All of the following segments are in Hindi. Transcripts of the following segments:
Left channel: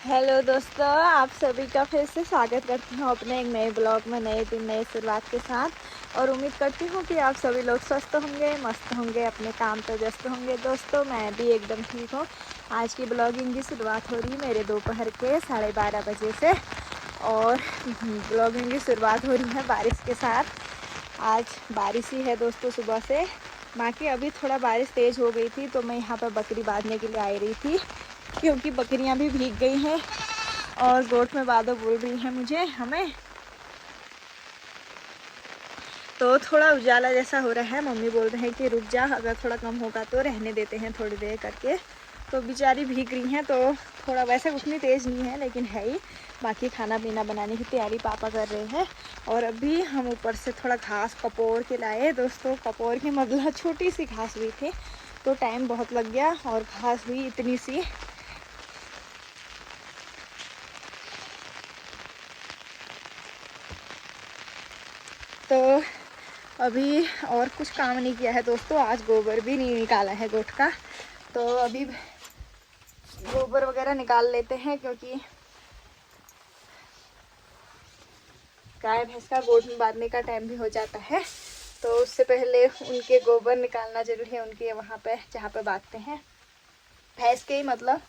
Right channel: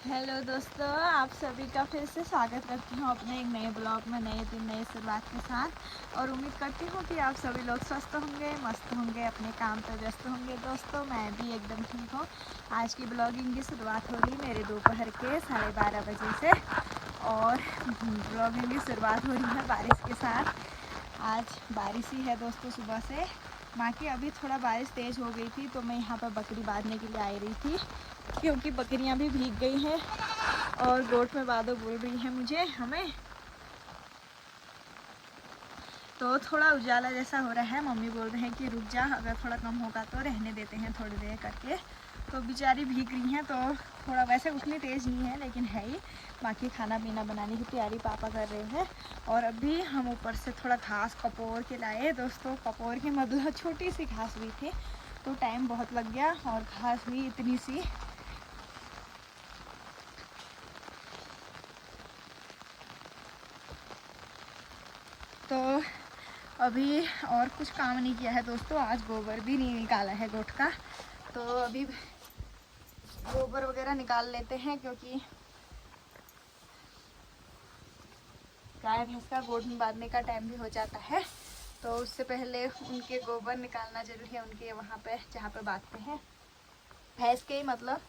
हेलो दोस्तों, आप सभी का फिर से स्वागत करती हूँ अपने एक नए ब्लॉग में, नए दिन नए शुरुआत के साथ। और उम्मीद करती हूँ कि आप सभी लोग स्वस्थ होंगे, मस्त होंगे, अपने काम पे व्यस्त होंगे। दोस्तों मैं भी एकदम ठीक हूँ। आज की ब्लॉगिंग की शुरुआत हो रही है मेरे दोपहर के 12:30 बजे से। और ब्लॉगिंग की शुरुआत हो रही है बारिश के साथ। आज बारिश ही है दोस्तों सुबह से। बाकी अभी थोड़ा बारिश तेज़ हो गई थी तो मैं यहाँ पर बकरी बांधने के लिए आई रही थी, क्योंकि बकरियां भी भीग गई हैं और गोट में बादल बोल रही है मुझे हमें। तो थोड़ा उजाला जैसा हो रहा है। मम्मी बोल रहे हैं कि रुक जा, अगर थोड़ा कम होगा तो रहने देते हैं थोड़ी देर करके। तो बेचारी भीग रही हैं, तो थोड़ा वैसे उतनी तेज़ नहीं है लेकिन है ही। बाकी खाना पीना बनाने की तैयारी पापा कर रहे हैं। और अभी हम ऊपर से थोड़ा घास कपोर के लाए दोस्तों। कपोर की मतलब छोटी सी घास हुई थी तो टाइम बहुत लग गया, और घास हुई इतनी सी। तो अभी और कुछ काम नहीं किया है दोस्तों। आज गोबर भी नहीं निकाला है गोट का, तो अभी गोबर वगैरह निकाल लेते हैं, क्योंकि गाय भैंस का गोट में बांधने का टाइम भी हो जाता है। तो उससे पहले उनके गोबर निकालना जरूरी है, उनके वहाँ पे जहाँ पे बांधते हैं भैंस के ही मतलब।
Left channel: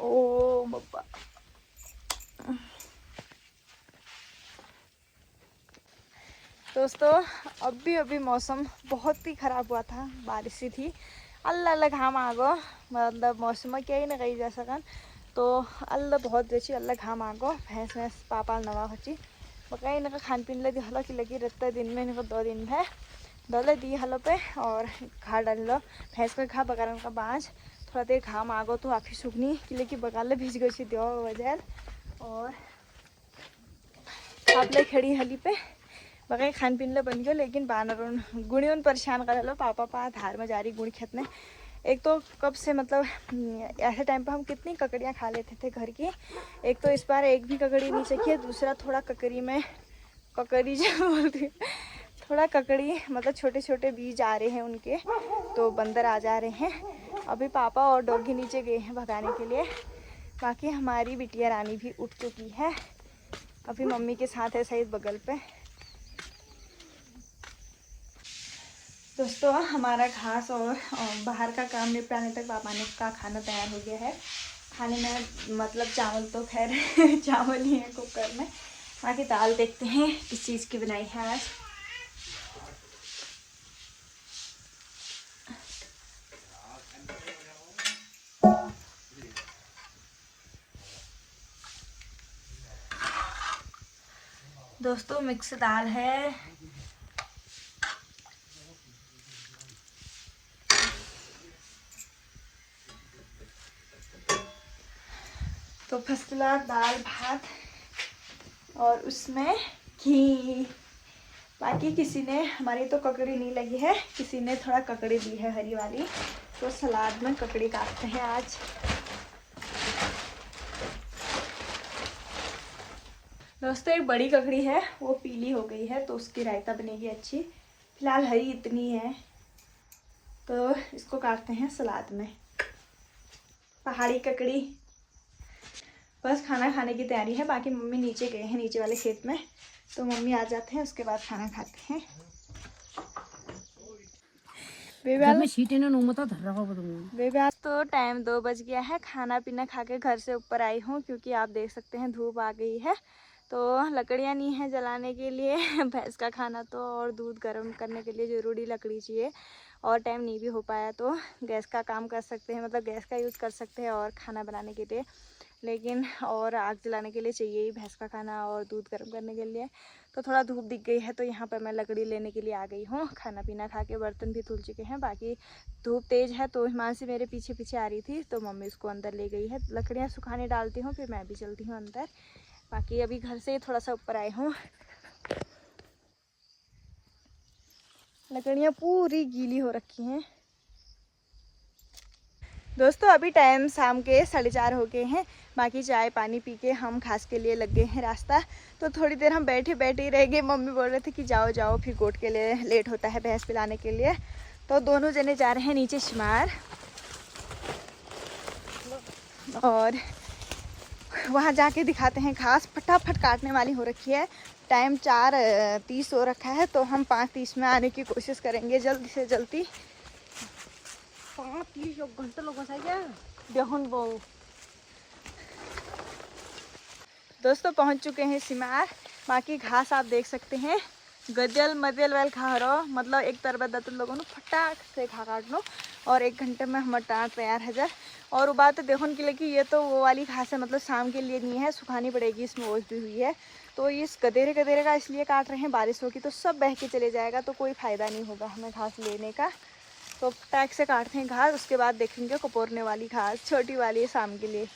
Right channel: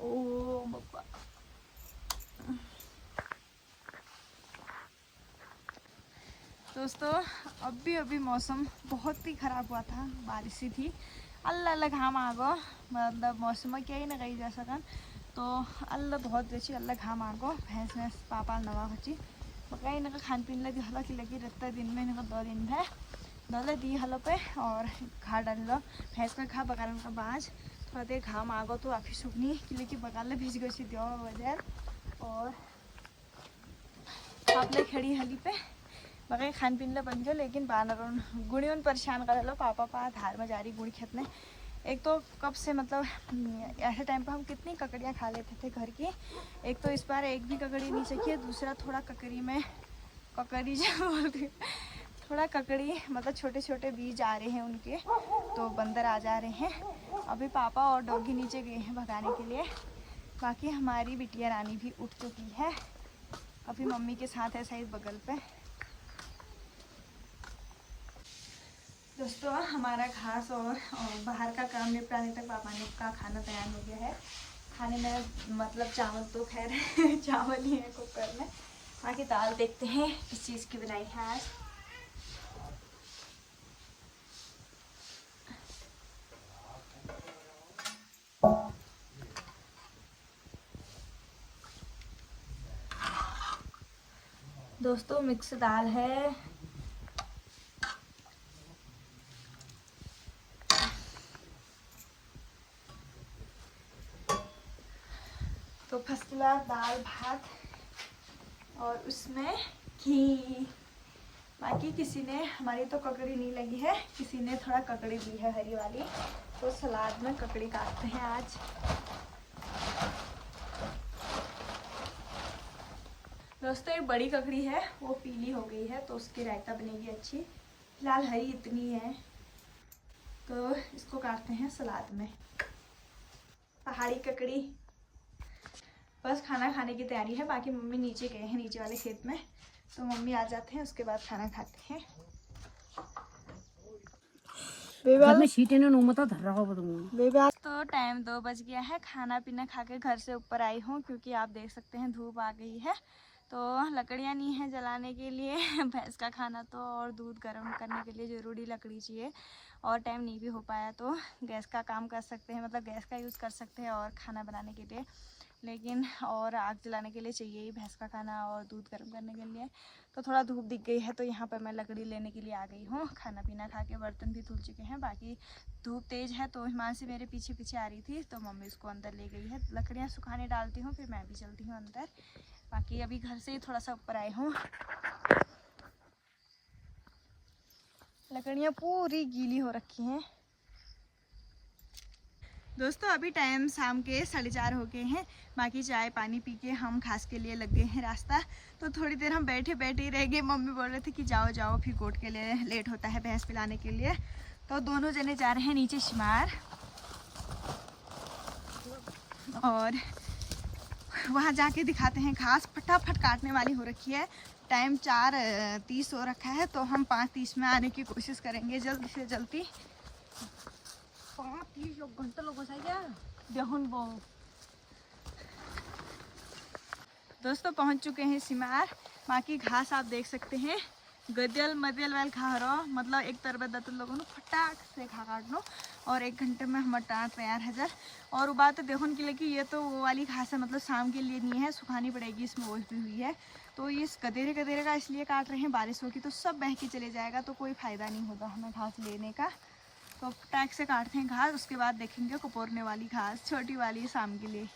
ओ बाबा, दोस्तों अभी मौसम बहुत ही ख़राब हुआ था, बारिश ही थी। अल्लाह अल्लाह घाम आ गो, मतलब मौसम क्या ही ना कही जा सकन। तो अल्लाह बहुत बेची अल्लाह घाम आ गो। भैंस भैंस पापा नवा हची बकाई इनका खान पीन लगी हलो की लगी रहता दिन में। इनको 2 दिन है दले दी हलो पे और घा डाल लो। भैंस का घा बगारन का बाँझ थोड़ा देर घाम आ गो तो आखिर सूखनी कि लेकिन बगाले भिज गई दो वजह। और आप ले खड़ी हली पे बगै खान पीन ले बन गयो, लेकिन बानर गुणी उन परेशान कर लो। पापा पा धार में जा रही गुणी खेतने। एक तो कब से मतलब ऐसे टाइम पे हम कितनी ककड़ियाँ खा लेते थे घर की। एक तो इस बार एक भी ककड़ी नहीं चखी है। दूसरा थोड़ा ककड़ी में ककड़ी जो बोलती थोड़ा ककड़ी मतलब छोटे छोटे बीज आ रहे हैं उनके, तो बंदर आ जा रहे हैं। अभी पापा और डॉगी नीचे गए हैं भगाने के लिए। बाकी हमारी बिटिया रानी भी उठ चुकी है, अभी मम्मी के साथ है सही बगल पे। दोस्तों हमारा घास और बाहर का काम निपटाने तक पापा ने का खाना तैयार हो गया है। खाने में मतलब चावल तो खैर चावल ही है कुकर में। बाकी दाल देखते हैं किस चीज़ की बनाई है आज। दोस्तों मिक्स दाल है। तो फर्स्ट क्लास दाल भात और उसमें घी। बाकी किसी ने, हमारी तो ककड़ी नहीं लगी है, किसी ने थोड़ा ककड़ी दी है हरी वाली, तो सलाद में ककड़ी काटते हैं आज। दोस्तों एक बड़ी ककड़ी है वो पीली हो गई है तो उसकी रायता बनेगी अच्छी। फिलहाल हरी इतनी है तो इसको काटते हैं सलाद में। पहाड़ी ककड़ी। बस खाना खाने की तैयारी है। बाकी मम्मी नीचे गए हैं नीचे वाले खेत में, तो मम्मी आ जाते हैं उसके बाद खाना खाते हैं। बेबी आज तो टाइम 2 बज गया है। खाना पीना खा के घर से ऊपर आई हूँ, क्योंकि आप देख सकते हैं धूप आ गई है तो लकड़ियाँ नहीं है जलाने के लिए। भैंस का खाना तो और दूध गर्म करने के लिए ज़रूरी लकड़ी चाहिए, और टाइम नहीं भी हो पाया तो गैस का काम कर सकते हैं, मतलब गैस का यूज़ कर सकते हैं और खाना बनाने के लिए। लेकिन और आग जलाने के लिए चाहिए ही भैंस का खाना और दूध गर्म करने के लिए। तो थोड़ा धूप दिख गई है तो यहाँ पर मैं लकड़ी लेने के लिए आ गई हूँ। खाना पीना खा के बर्तन भी धुल चुके हैं। बाकी धूप तेज़ है तो हिमांशी मेरे पीछे पीछे आ रही थी तो मम्मी उसको अंदर ले गई है। लकड़ियाँ सुखाने डालती हूँ फिर मैं भी चलती हूँ अंदर। बाकी अभी घर से ही थोड़ा सा ऊपर आए हूँ। लकड़ियाँ पूरी गीली हो रखी हैं। दोस्तों अभी टाइम शाम के 4:30 हो गए हैं। बाकी चाय पानी पी के हम घास के लिए लग गए हैं रास्ता। तो थोड़ी देर हम बैठे बैठे ही रह गए। मम्मी बोल रहे थे कि जाओ जाओ, फिर गोट के लिए लेट होता है भैंस पिलाने के लिए। तो दोनों जने जा रहे हैं नीचे शिमार। और वहाँ जाके दिखाते हैं। घास फटाफट काटने वाली हो रखी है, टाइम 4:30 हो रखा है, तो हम 5:30 में आने की कोशिश करेंगे जल्दी से जल्दी। 5:30 घंटे लोगों से बेहुन वो दोस्तों पहुँच चुके हैं सिमार। बाकी घास आप देख सकते हैं, गजल मजल वेल खा रहो, मतलब एक तरह बता तो लोगों ने फटाक से खा काट लो और 1 घंटे में हमारा टाट तैयार है जा। और वो बात देखो कि लेकिन ये तो वो वाली घास है, मतलब शाम के लिए नहीं है, सुखानी पड़ेगी, इसमें ओस भी हुई है। तो इस गदेरे गदेरे का इसलिए काट रहे हैं, बारिश होगी तो सब बह के चले जाएगा, तो कोई फ़ायदा नहीं होगा हमें घास लेने का। तो फटाक से काटते हैं घास, उसके बाद देखेंगे कपोरने वाली घास छोटी वाली है शाम के लिए।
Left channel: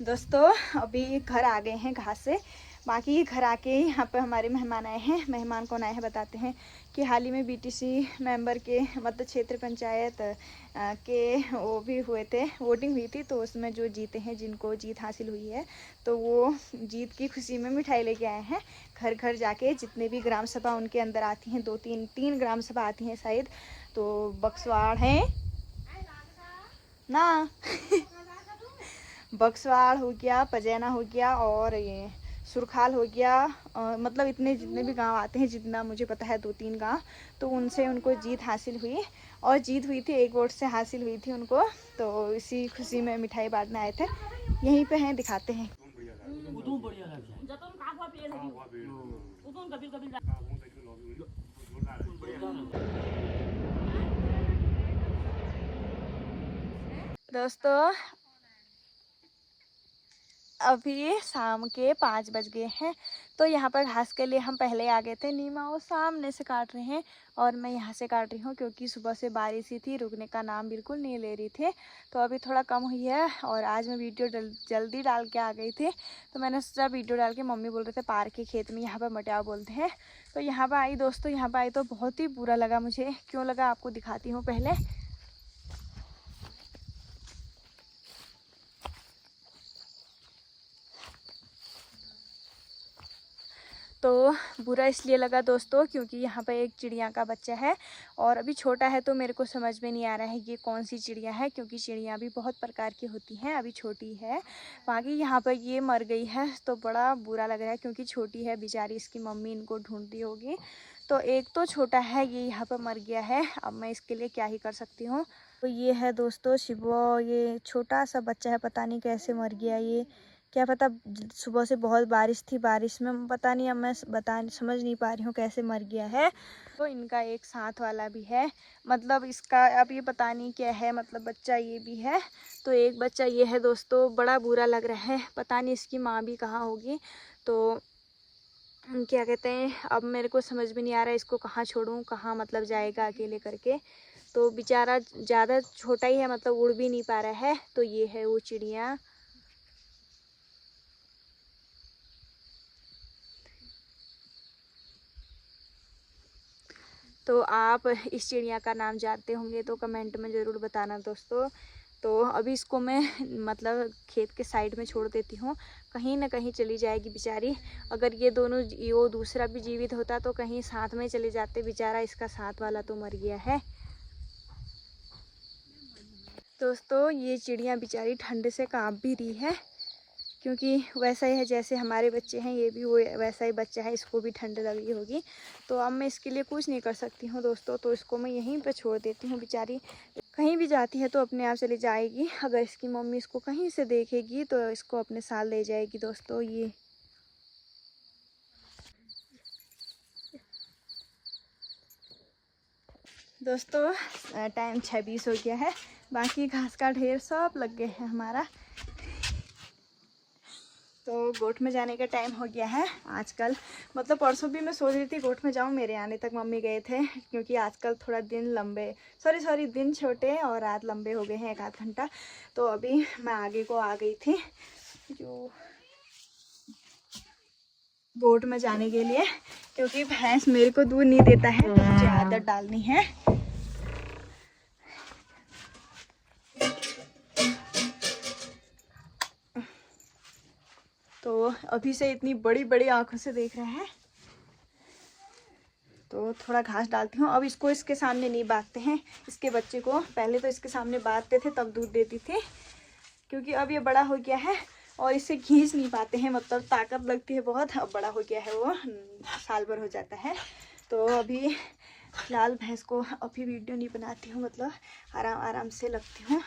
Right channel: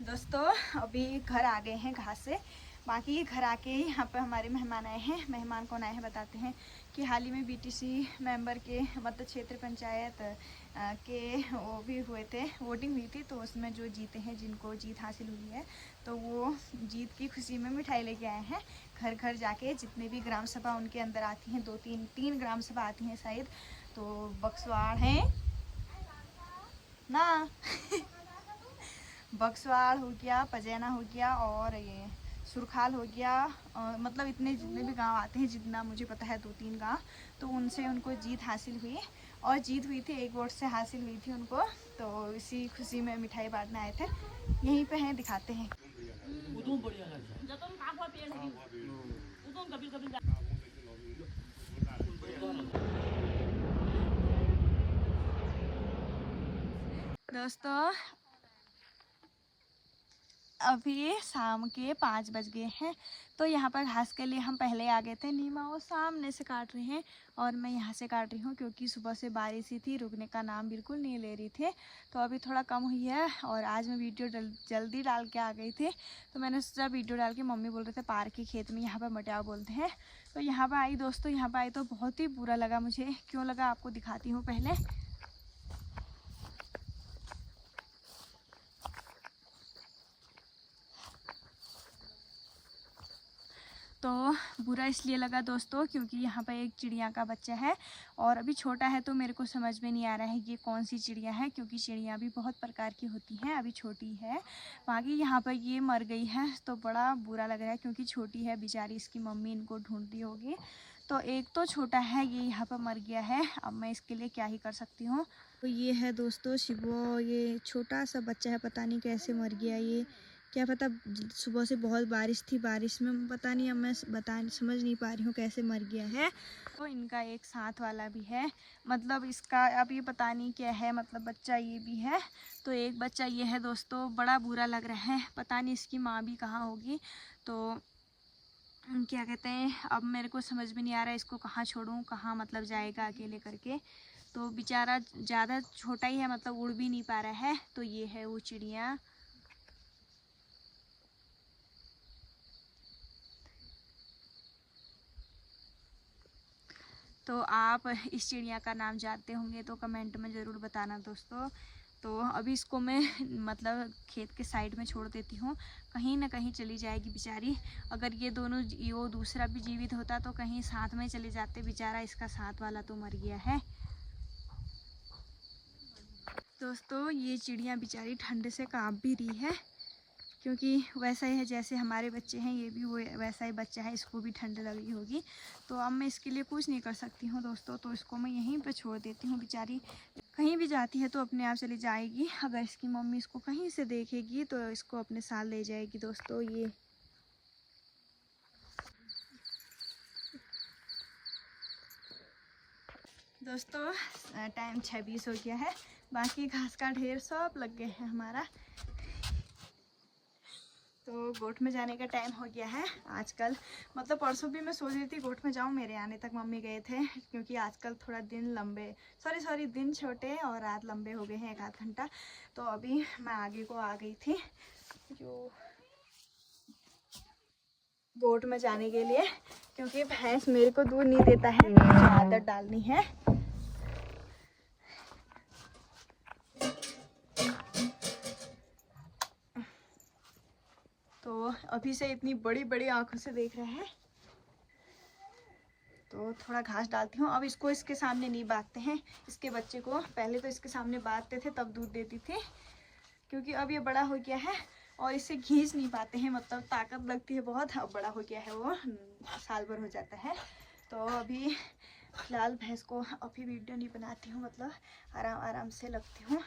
दोस्तों अभी घर आ गए हैं घास से। बाकी घर आके यहाँ पर हमारे मेहमान आए हैं। मेहमान कौन आए हैं बताते हैं कि हाल ही में बीटीसी मेंबर के मतलब क्षेत्र पंचायत के वो भी हुए थे, वोटिंग हुई थी, तो उसमें जो जीते हैं, जिनको जीत हासिल हुई है, तो वो जीत की खुशी में मिठाई लेके आए हैं। घर घर जाके जितने भी ग्राम सभा उनके अंदर आती हैं, 2-3 ग्राम सभा आती हैं शायद, तो बक्सवाड़ हैं ना बक्सवाड़ हो गया, पजैना हो गया और ये सुरखाल हो गया, मतलब इतने जितने भी गांव आते हैं, जितना मुझे पता है 2-3 गांव, तो उनसे उनको जीत हासिल हुई। और जीत हुई थी 1 वोट से हासिल हुई थी उनको, तो इसी खुशी में मिठाई बांटने आए थे। यहीं पे हैं, दिखाते हैं। दोस्तों अभी शाम के 5 बज गए हैं, तो यहाँ पर घास के लिए हम पहले आ गए थे। नीमा वो सामने से काट रहे हैं और मैं यहाँ से काट रही हूँ, क्योंकि सुबह से बारिश ही थी, रुकने का नाम बिल्कुल नहीं ले रही थी। तो अभी थोड़ा कम हुई है और आज मैं वीडियो जल्दी डाल के आ गई थी, तो मैंने सोचा वीडियो डाल के, मम्मी बोल रहे थे पार के खेत में, यहाँ पर मटियाव बोलते हैं, तो यहाँ पर आई दोस्तों। यहाँ पर आई तो बहुत ही बुरा लगा मुझे, क्यों लगा आपको दिखाती हूँ पहले। तो बुरा इसलिए लगा दोस्तों, क्योंकि यहाँ पर एक चिड़िया का बच्चा है और अभी छोटा है, तो मेरे को समझ में नहीं आ रहा है ये कौन सी चिड़िया है, क्योंकि चिड़िया भी बहुत प्रकार की होती हैं, अभी छोटी है। बाकी यहाँ पर ये मर गई है, तो बड़ा बुरा लग रहा है, क्योंकि छोटी है बेचारी, इसकी मम्मी इनको ढूंढती होगी। तो एक तो छोटा है, ये यहाँ पर मर गया है, अब मैं इसके लिए क्या ही कर सकती हूँ। तो ये है दोस्तों शिवो, ये छोटा सा बच्चा है, पता नहीं कैसे मर गया ये, क्या पता सुबह से बहुत बारिश थी, बारिश में पता नहीं, अब मैं समझ नहीं पा रही हूँ कैसे मर गया है। तो इनका एक साथ वाला भी है, मतलब इसका अब ये पता नहीं क्या है, मतलब बच्चा ये भी है। तो एक बच्चा ये है दोस्तों, बड़ा बुरा लग रहा है, पता नहीं इसकी माँ भी कहाँ होगी। तो क्या कहते हैं, अब मेरे को समझ में नहीं आ रहा है इसको कहाँ छोड़ूं, कहाँ मतलब जाएगा अकेले करके। तो बेचारा ज़्यादा छोटा ही है, मतलब उड़ भी नहीं पा रहा है। तो ये है वो चिड़िया। तो आप इस चिड़िया का नाम जानते होंगे तो कमेंट में ज़रूर बताना दोस्तों। तो अभी इसको मैं मतलब खेत के साइड में छोड़ देती हूँ, कहीं ना कहीं चली जाएगी बेचारी। अगर ये दोनों वो दूसरा भी जीवित होता तो कहीं साथ में चले जाते, बेचारा इसका साथ वाला तो मर गया है। दोस्तों ये चिड़िया बेचारी ठंड से काँप भी रही है, क्योंकि वैसा ही है जैसे हमारे बच्चे हैं, ये भी वो वैसा ही बच्चा है, इसको भी ठंड लगी होगी। तो अब मैं इसके लिए कुछ नहीं कर सकती हूँ दोस्तों, तो इसको मैं यहीं पे छोड़ देती हूँ। बेचारी कहीं भी जाती है तो अपने आप चली जाएगी, अगर इसकी मम्मी इसको कहीं से देखेगी तो इसको अपने साथ ले जाएगी दोस्तों। ये दोस्तों टाइम 6:20 हो गया है, बाकी घास का ढेर सब लग गए हैं हमारा। तो गोठ में जाने का टाइम हो गया है आजकल, मतलब परसों भी मैं सोच रही थी गोठ में जाऊँ, मेरे आने तक मम्मी गए थे, क्योंकि आजकल थोड़ा दिन लंबे सॉरी दिन छोटे और रात लंबे हो गए हैं 1-8 घंटा। तो अभी मैं आगे को आ गई थी जो गोठ में जाने के लिए, क्योंकि भैंस मेरे को दूध नहीं देता है, मुझे आदत डालनी है। तो अभी से इतनी बड़ी बड़ी आंखों से देख रहे हैं, तो थोड़ा घास डालती हूँ। अब इसको इसके सामने नहीं बांधते हैं, इसके बच्चे को पहले तो इसके सामने बांधते थे तब दूध देती थी। क्योंकि अब ये बड़ा हो गया है और इसे खींच नहीं पाते हैं, मतलब ताकत लगती है बहुत। अब बड़ा हो गया है वो, साल भर हो जाता है। तो अभी फिलहाल भैंस को अभी वीडियो नहीं बनाती हूँ, मतलब आराम आराम से लगती हूँ।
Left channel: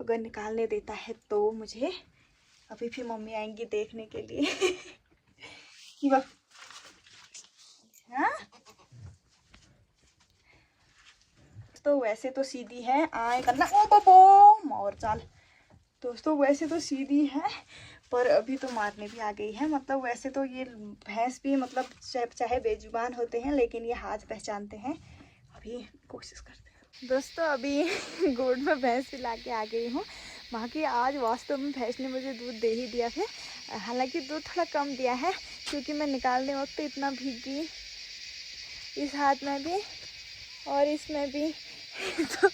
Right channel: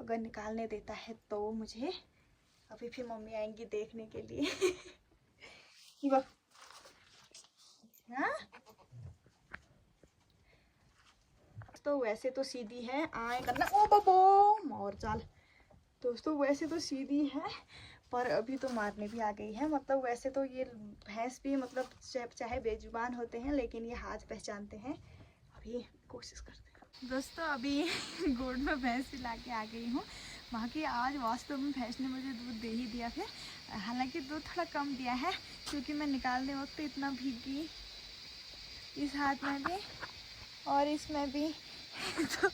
अगर निकालने देता है तो मुझे, अभी फिर मम्मी आएंगी देखने के लिए कि वह हाँ? तो वैसे तो सीधी है, आए करना ओ बबो और चाल। दोस्तों वैसे तो सीधी है, पर अभी तो मारने भी आ गई है। मतलब वैसे तो ये भैंस भी मतलब चाहे बेजुबान होते हैं, लेकिन ये हाथ पहचानते हैं। अभी कोशिश करते हैं। दोस्तों अभी गोड़ में भैंस पिला के आ गई हूँ। बाकी आज वास्तव में भैंस ने मुझे दूध दे ही दिया था। हालांकि दूध थोड़ा कम दिया है, क्योंकि मैं निकालने वक्त इतना भीगी, इस हाथ में भी और इसमें भी तो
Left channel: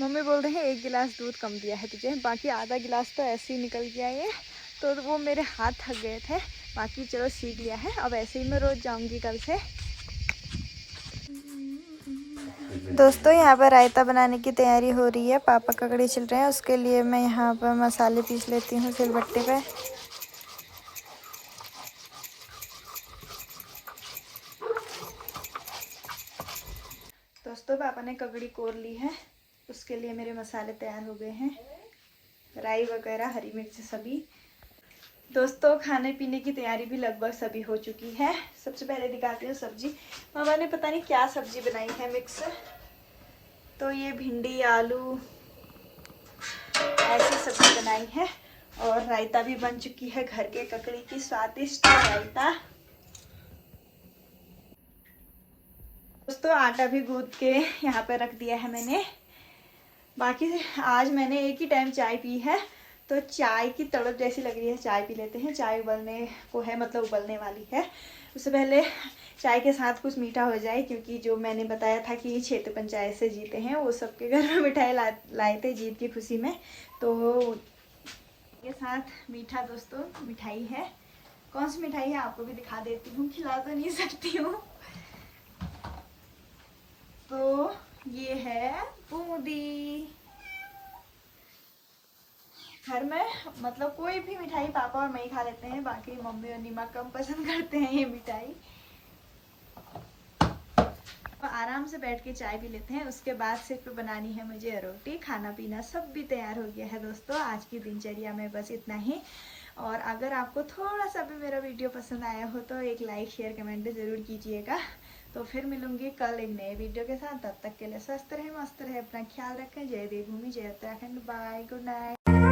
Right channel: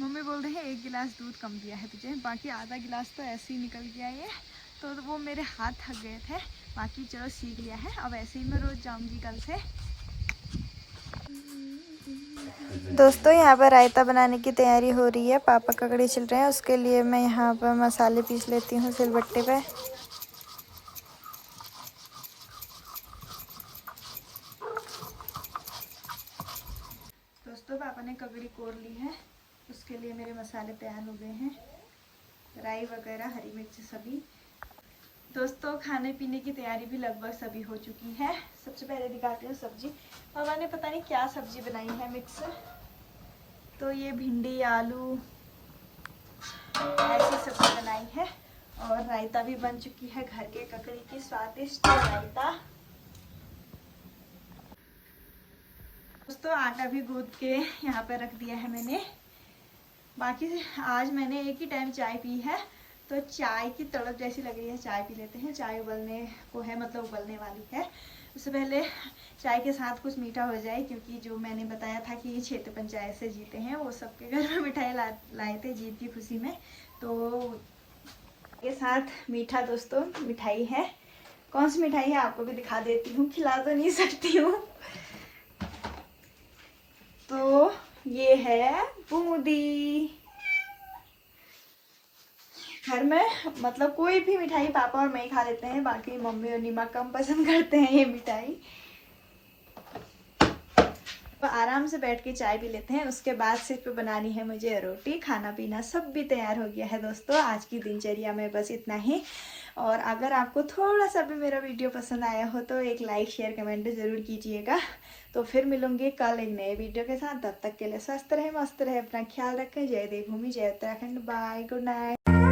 मम्मी बोल रहे हैं 1 गिलास दूध कम दिया है तुझे, बाकी आधा गिलास तो ऐसे ही निकल गया ये। तो वो मेरे हाथ थक गए थे, बाकी चलो सीख लिया है। अब ऐसे ही मैं रोज़ जाऊंगी कल से। दोस्तों यहाँ पर रायता बनाने की तैयारी हो रही है, पापा ककड़ी छिल रहे हैं। उसके लिए मैं यहाँ पर मसाले पीस लेती हूँ सिलबट्टे पे। दोस्तों पापा ने ककड़ी कोर ली है, उसके लिए मेरे मसाले तैयार हो गए हैं, राई वगैरह, हरी मिर्च सभी। दोस्तों खाने पीने की तैयारी भी लगभग सभी हो चुकी है। सबसे पहले दिखाती हूँ सब्जी। मामा ने पता नहीं क्या सब्जी बनाई है मिक्स। तो ये भिंडी आलू ऐसी सब्जी बनाई है, और रायता भी बन चुकी है, घर के ककड़ी की स्वादिष्ट रायता। दोस्तों आटा भी गूंद के यहाँ पे रख दिया है मैंने। बाकी आज मैंने एक ही टाइम चाय पी है, तो चाय की तड़प जैसी लग रही है, चाय पी लेते हैं। चाय उबलने को है, मतलब उबलने वाली है। उससे पहले चाय के साथ कुछ मीठा हो जाए, क्योंकि जो मैंने बताया था कि क्षेत्र पंचायत से जीते हैं, वो सबके घर में मिठाई लाए थे जीत की खुशी में। तो के साथ मीठा, दोस्तों मिठाई है। कौन सी मिठाई है आपको भी दिखा देती हूँ, खिला तो नहीं सकती हूँ। तो ये है बूंदी। घर में मतलब कोई भी मिठाई पापा और मैं खा लेते हैं, बाकी मम्मी और नीमा कम पसंद करते हैं ये मिठाई। तो आराम से बैठ के चाय पी लेते हैं, उसके बाद सिर्फ बनानी है मुझे रोटी। खाना पीना सब भी तैयार हो गया है दोस्तों। आज की दिनचर्या में बस इतना ही। और अगर आपको थोड़ा सा भी मेरा वीडियो पसंद आया हो तो एक लाइक शेयर कमेंट ज़रूर कीजिएगा। तो फिर मिलूंगी कल एक नए वीडियो के साथ। तब तक के लिए स्वस्थ रहे, मस्त रहे, अपना ख्याल रखें। जय देवभूमि, जय उत्तराखंड, बाय, गुड नाइट।